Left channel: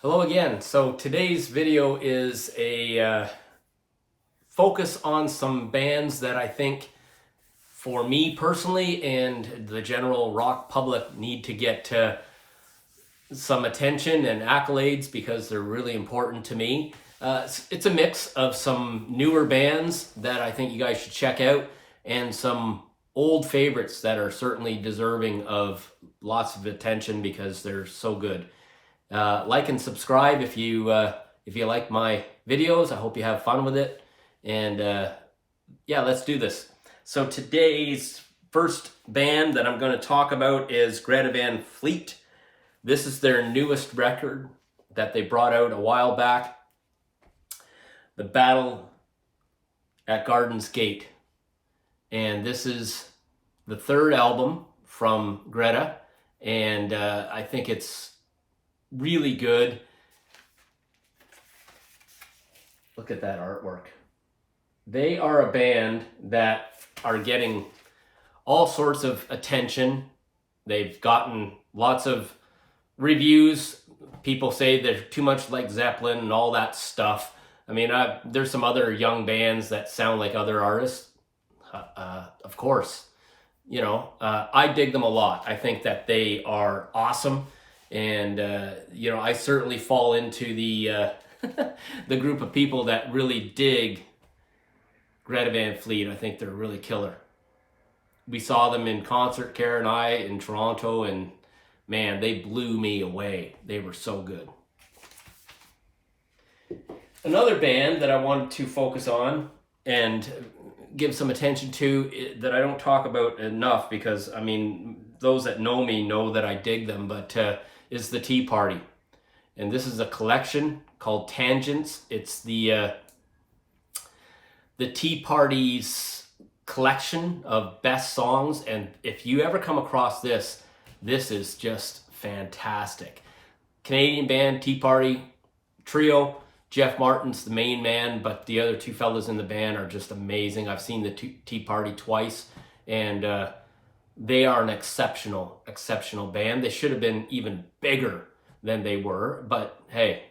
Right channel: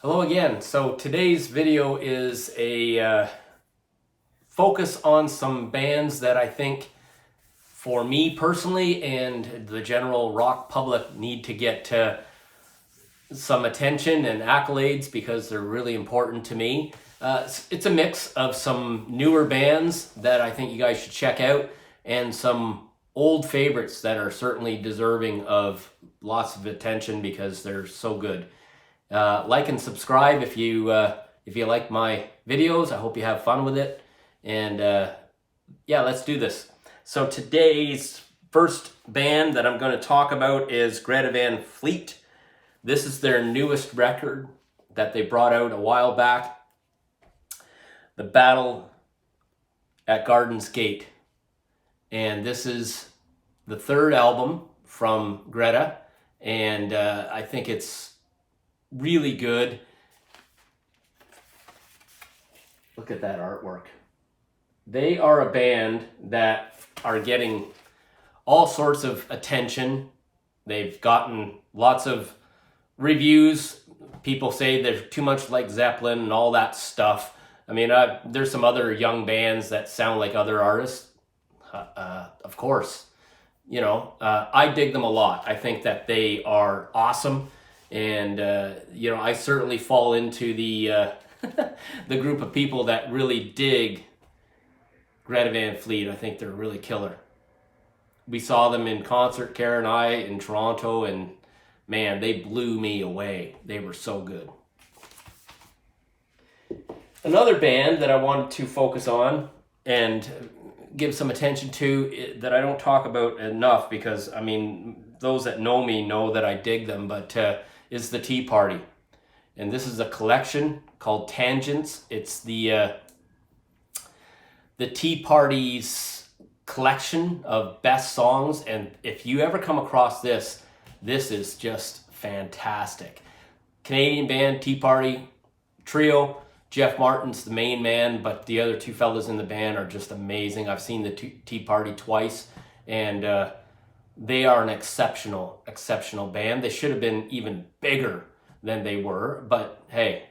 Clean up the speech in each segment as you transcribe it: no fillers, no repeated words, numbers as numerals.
Hello again. So today's video is a focus on some bands that I think for me personally and the general rock public need to get some attention and accolades because they're really important to me. It's a mix of some newer bands that I think you guys should check out and some old favorites that are certainly deserving of lots of attention because they're so good. Like and subscribe if you like my videos. I hope you have fun with it. And yeah, let's do this. So today's first band that I'm going to talk about is Greta Van Fleet. This is their newest record that they brought out a while back. The Battle at Garden's Gate. And this is the third album from Greta. And I think it's really good. Look at that artwork. They are a band that are getting all sorts of attention. They've gotten lots of reviews. People say they're too much like Zeppelin and all that stuff. I mean, there's some other young bands that sound like other artists. Of course, you know, I dig them a lot. I think that they are awesome. And, you know, I certainly fall into the the group of people that really dig Greta Van Fleet. I think they're really killer. We saw them in concert, Kara and I, in Toronto, and man, they blew me away. They were so good. Another band that I wanted to focus on and give some attention to that I don't talk about enough because, I mean, those that know me know that I dig them, but is the Tea Party. And this is a collection called Tangents. It's the Tea Party's collection of best songs. And if you ever come across this, this is just fantastic. Canadian band, Tea Party, trio. Jeff Martin's the main man, but the other two fellas in the band are just amazing. I've seen the Tea Party twice, and they are an exceptional band. They should have been even bigger than they were, but hey,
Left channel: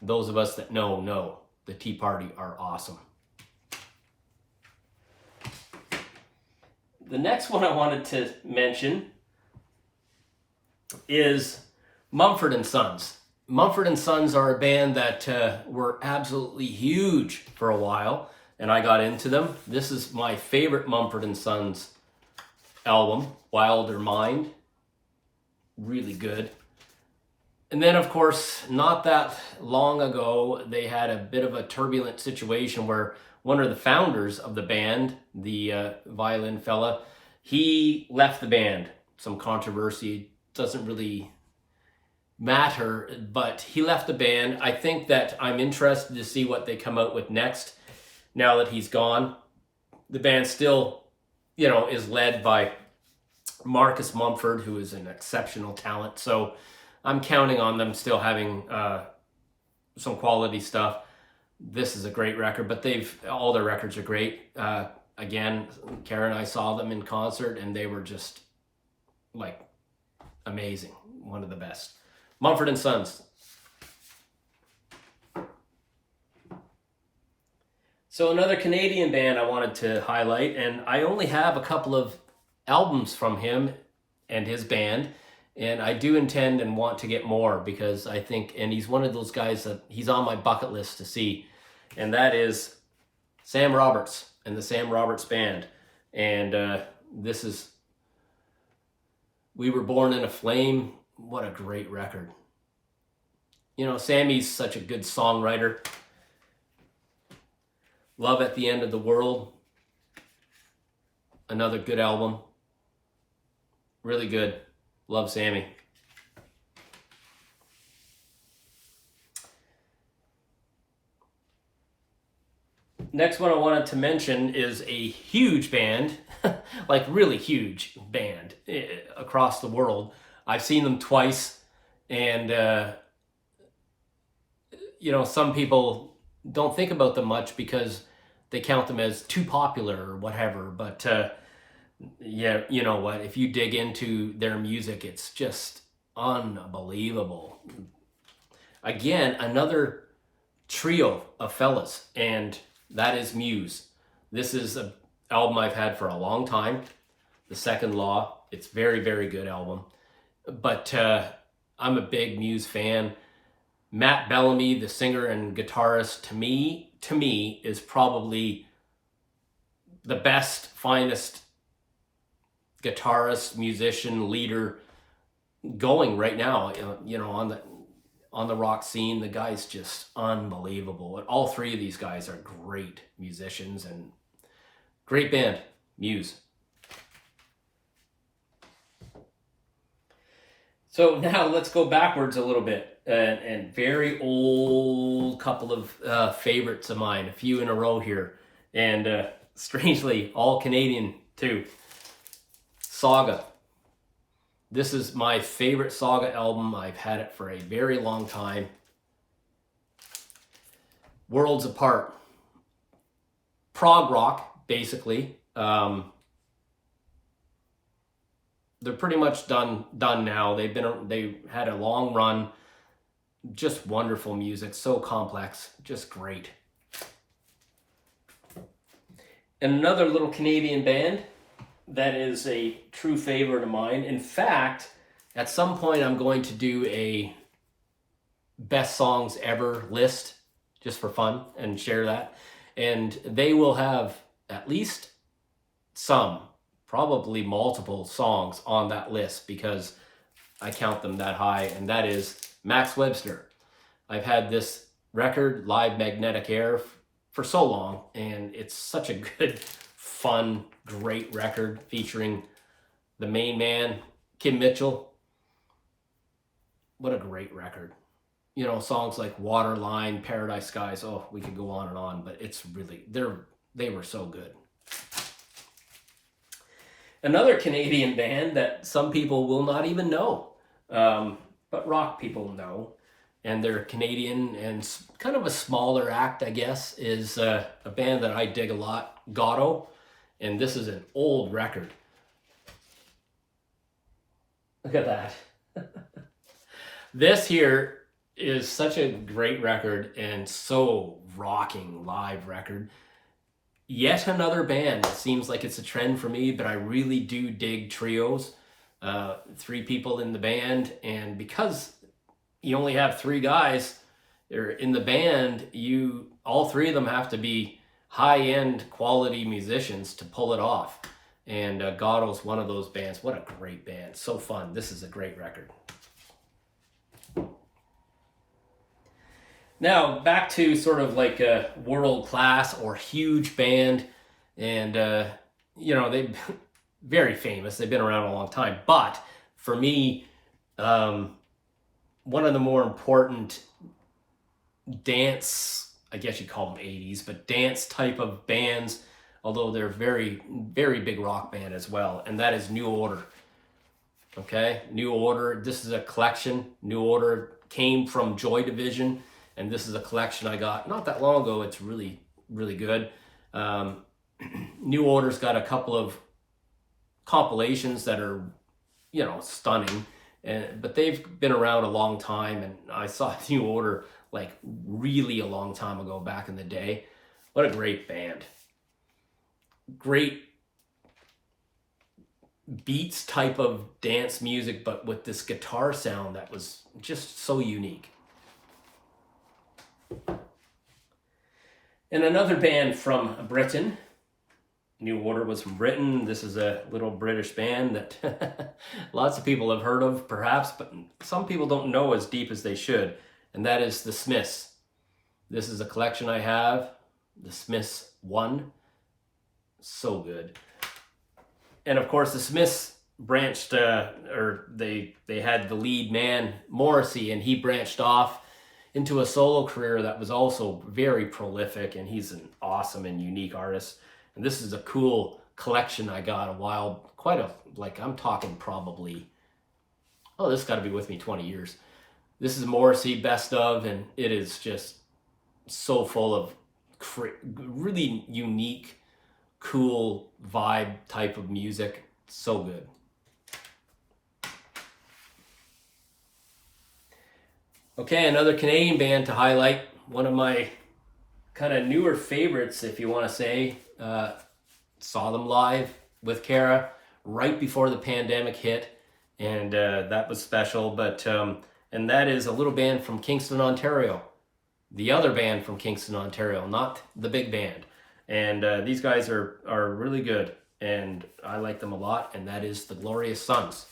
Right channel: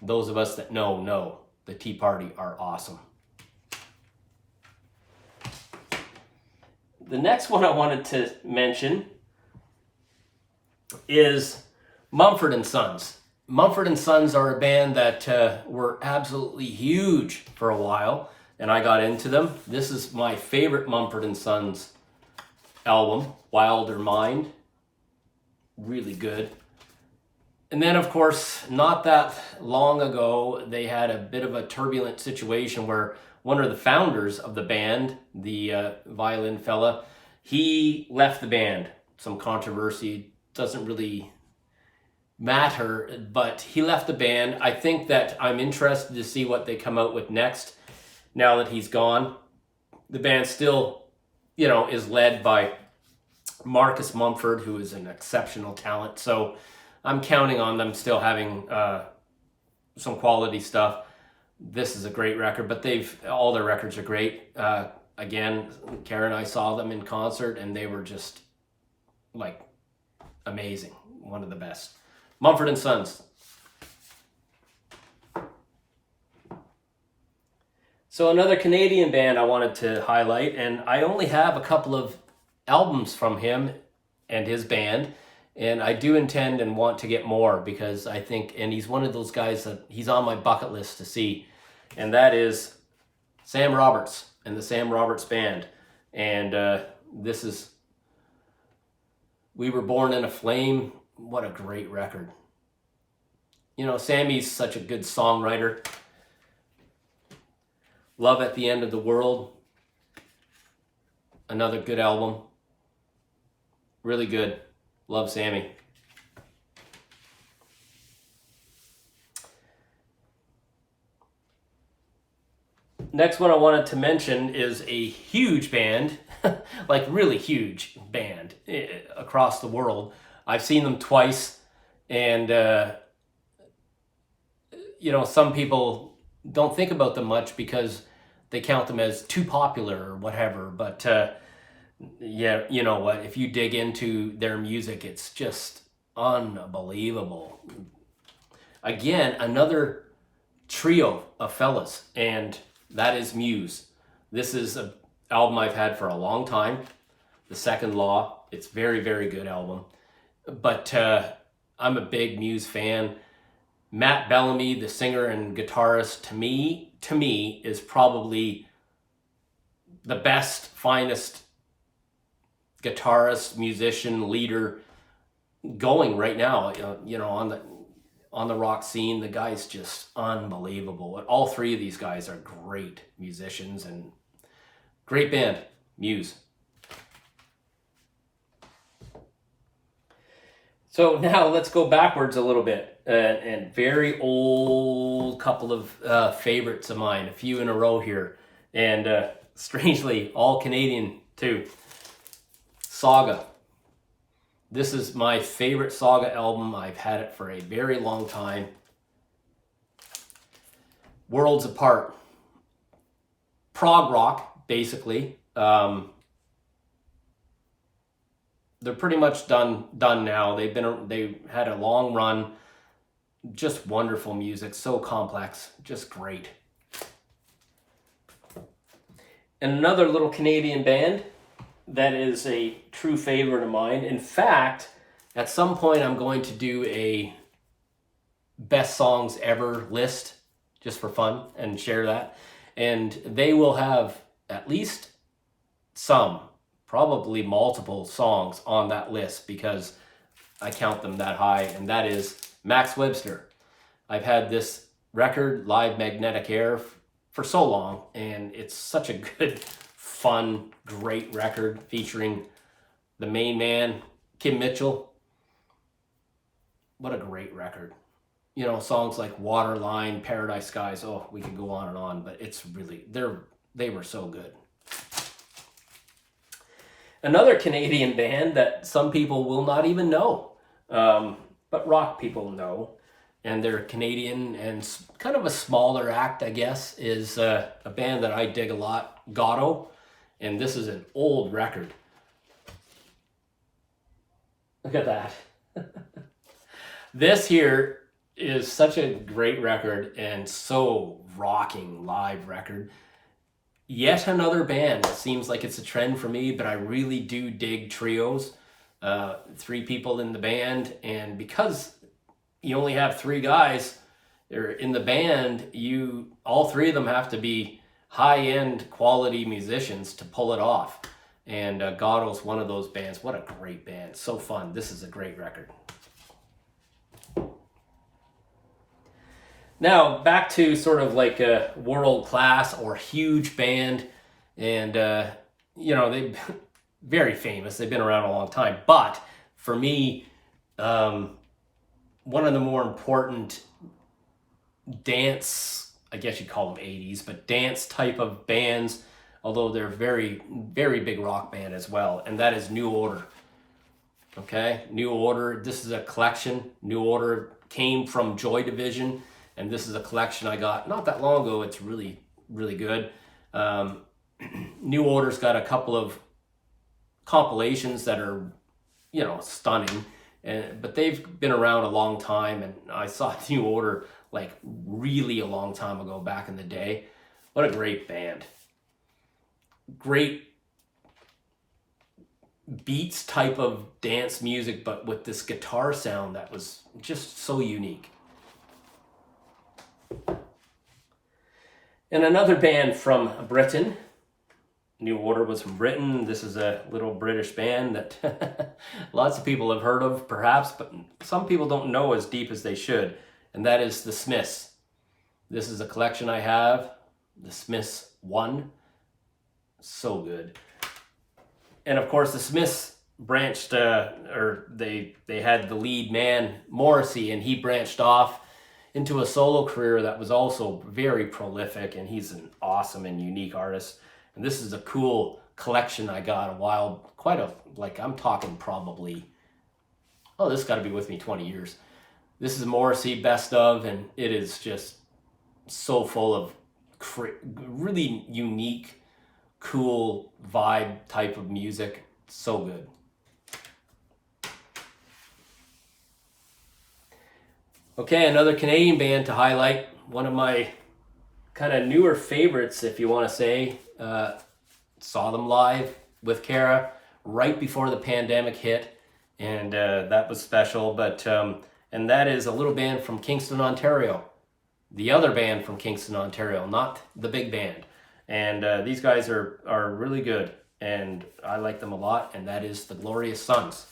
those of us that know the Tea Party are awesome. The next one I wanted to mention is Mumford & Sons. Mumford & Sons are a band that were absolutely huge for a while, and I got into them. This is my favorite Mumford & Sons album, Wilder Mind. Really good. And then, of course, not that long ago, they had a bit of a turbulent situation where one of the founders of the band, the violin fella, he left the band. Some controversy, doesn't really matter, but he left the band. I think that I'm interested to see what they come out with next now that he's gone. The band still, you know, is led by Marcus Mumford, who is an exceptional talent. So I'm counting on them still having some quality stuff. This is a great record, but all their records are great. Again, Kara and I saw them in concert, and they were just like amazing. One of the best. Mumford & Sons. So another Canadian band I wanted to highlight, and I only have a couple of albums from him and his band, and I do intend and want to get more because I think, and he's one of those guys that he's on my bucket list to see, and that is Sam Roberts and the Sam Roberts Band. And this is We Were Born in a Flame. What a great record. You know, Sammy's such a good songwriter. Love at the End of the World. Another good album. Really good. Love Sammy. Next one I wanted to mention is a huge band, like really huge band across the world. I've seen them twice, and you know, some people don't think about them much because they count them as too popular or whatever, but yeah, you know what, if you dig into their music, it's just unbelievable. again, another trio of fellas, and that is Muse. This is an album I've had for a long time. The Second Law. It's very, very good album. But I'm a big Muse fan. Matt Bellamy, the singer and guitarist, to me, is probably the best, finest guitarist, musician, leader going right now. You know, on the rock scene, the guy's just unbelievable. All three of these guys are great musicians and great band, Muse. So now let's go backwards a little bit, and very old couple of favorites of mine, a few in a row here, and strangely all Canadian too. Saga. This is my favorite Saga album. I've had it for a very long time. Worlds Apart. Prog rock, basically. They're pretty much done now. They had a long run. Just wonderful music, so complex, just great. And another little Canadian band that is a true favorite of mine. In fact, at some point I'm going to do a best songs ever list just for fun and share that. And they will have at least some, probably multiple songs on that list because I count them that high, and that is Max Webster. I've had this record, Live Magnetic Air, for so long, and it's such a good, fun, great record featuring the main man, Kim Mitchell. What a great record. You know, songs like Waterline, Paradise Skies, oh, we could go on, but it's really, they were so good. Another Canadian band that some people will not even know, but rock people know, and they're Canadian and kind of a smaller act, I guess, is a band that I dig a lot, Gotto, and this is an old record. Look at that. This here is such a great record and so rocking live record. Yet another band. It seems like it's a trend for me, but I really do dig trios. 3 people in the band, and because you only have 3 guys in the band, all 3 of them have to be high-end quality musicians to pull it off. And Gotto's one of those bands. What a great band. So fun. This is a great record. Now, back to sort of like a world-class or huge band. And, you know, they're very famous. They've been around a long time. But for me, one of the more important dance, I guess you'd call them 80s, but dance type of bands, although they're very, very big rock band as well. And that is New Order. Okay, New Order. This is a collection. New Order came from Joy Division. And this is a collection I got not that long ago. It's really, really good. New Order's got a couple of compilations that are, you know, stunning. But they've been around a long time. And I saw New Order like really a long time ago back in the day. What a great band. Great beats type of dance music, but with this guitar sound that was just so unique. And another band from Britain. New Order was from Britain. This is a little British band that lots of people have heard of, perhaps, but some people don't know as deep as they should. And that is The Smiths. This is a collection I have, The Smiths 1. So good. And of course, The Smiths branched, or they had the lead man, Morrissey, and he branched off into a solo career that was also very prolific, and he's an awesome and unique artist. And this is a cool collection I got I'm talking probably, this has got to be with me 20 years. This is Morrissey best of, and it is just so full of really unique, cool vibe type of music. So good. Okay, another Canadian band to highlight. One of my kind of newer favorites, if you want to say. Saw them live with Kara right before the pandemic hit, and that was special. But and that is a little band from Kingston, Ontario. The other band from Kingston, Ontario, not the big band. And these guys are really good, and I like them a lot. And that is the Glorious Sons.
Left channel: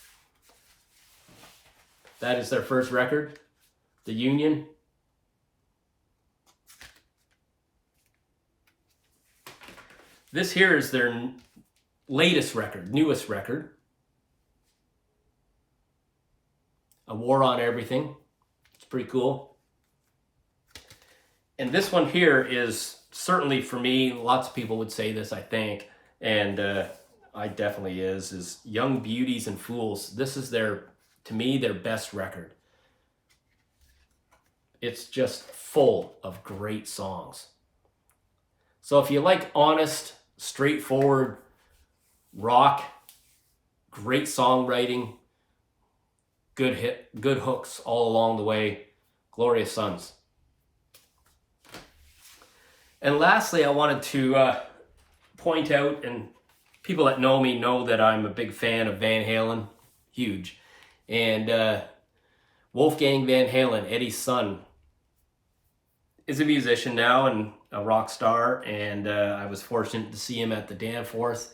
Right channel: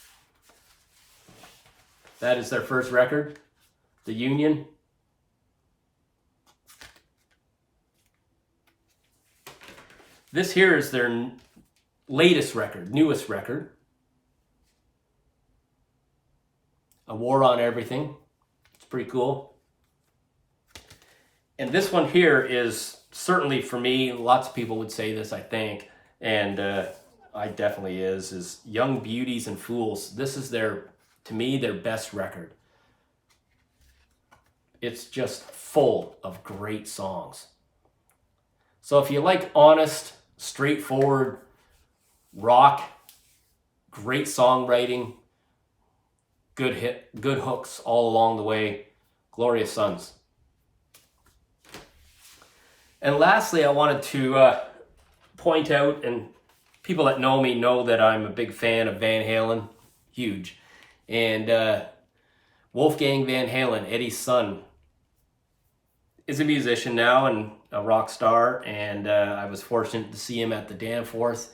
That is their first record, The Union. This here is their latest record, newest record. A War on Everything. It's pretty cool. And this one here is certainly for me, lots of people would say this, I think, and I definitely is Young Beauties and Fools. This is to me, their best record. It's just full of great songs. So if you like honest, straightforward rock, great songwriting, good hooks all along the way, Glorious Sons. And lastly, I wanted to point out, and people that know me know that I'm a big fan of Van Halen, huge. And Wolfgang Van Halen, Eddie's son, is a musician now and a rock star. And I was fortunate to see him at the Danforth,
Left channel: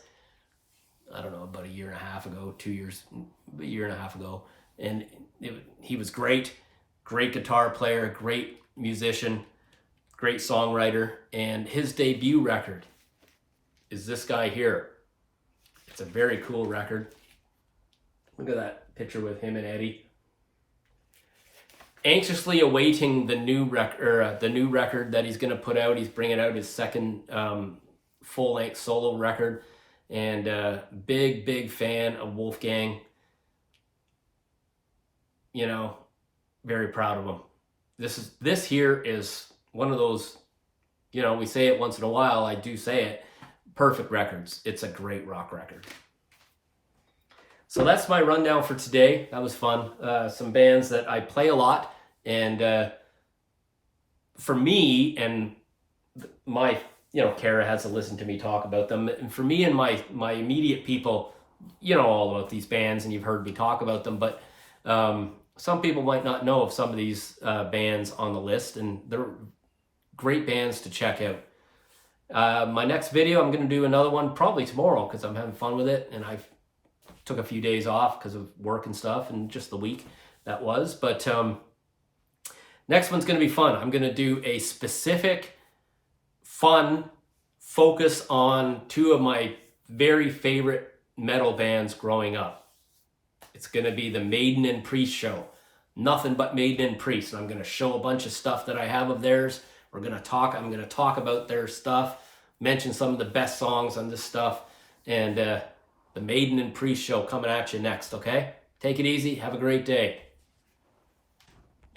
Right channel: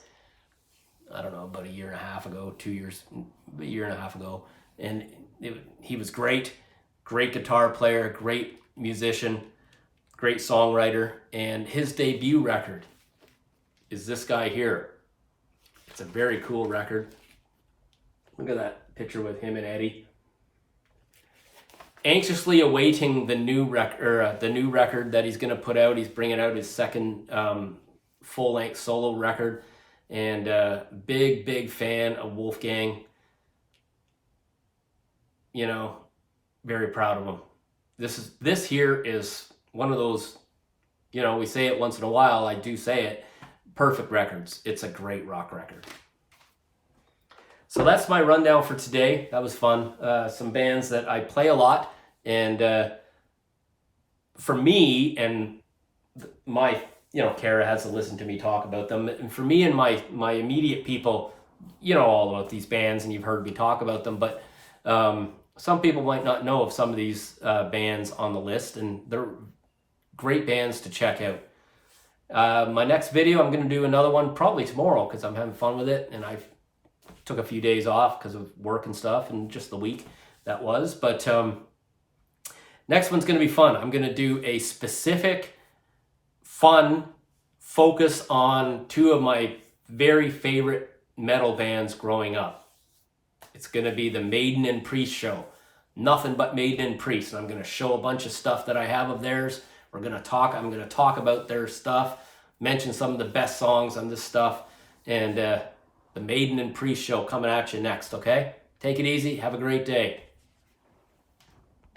I don't know, about a year and a half ago, a year and a half ago. And he was great guitar player, great musician, great songwriter. And his debut record is this guy here. It's a very cool record. Look at that picture with him and Eddie. Anxiously awaiting the new record that he's going to put out. He's bringing out his second full-length solo record, and big fan of Wolfgang. You know, very proud of him. This here is one of those, you know, we say it once in a while. I do say it. Perfect records. It's a great rock record. So that's my rundown for today. That was fun. Some bands that I play a lot, and for me and my, you know, Kara has to listen to me talk about them. And for me and my immediate people, you know all about these bands, and you've heard me talk about them. But some people might not know of some of these bands on the list, and they're great bands to check out. My next video, I'm going to do another one probably tomorrow because I'm having fun with it, and I've took a few days off because of work and stuff, and just the week that was. But next one's going to be fun. I'm going to do a specific fun focus on two of my very favorite metal bands growing up. It's going to be the Maiden and Priest show. Nothing but Maiden and Priest. And I'm going to show a bunch of stuff that I have of theirs. I'm going to talk about their stuff, mention some of the best songs on this stuff, and the Maiden and Priest show coming at you next, okay? Take it easy. Have a great day.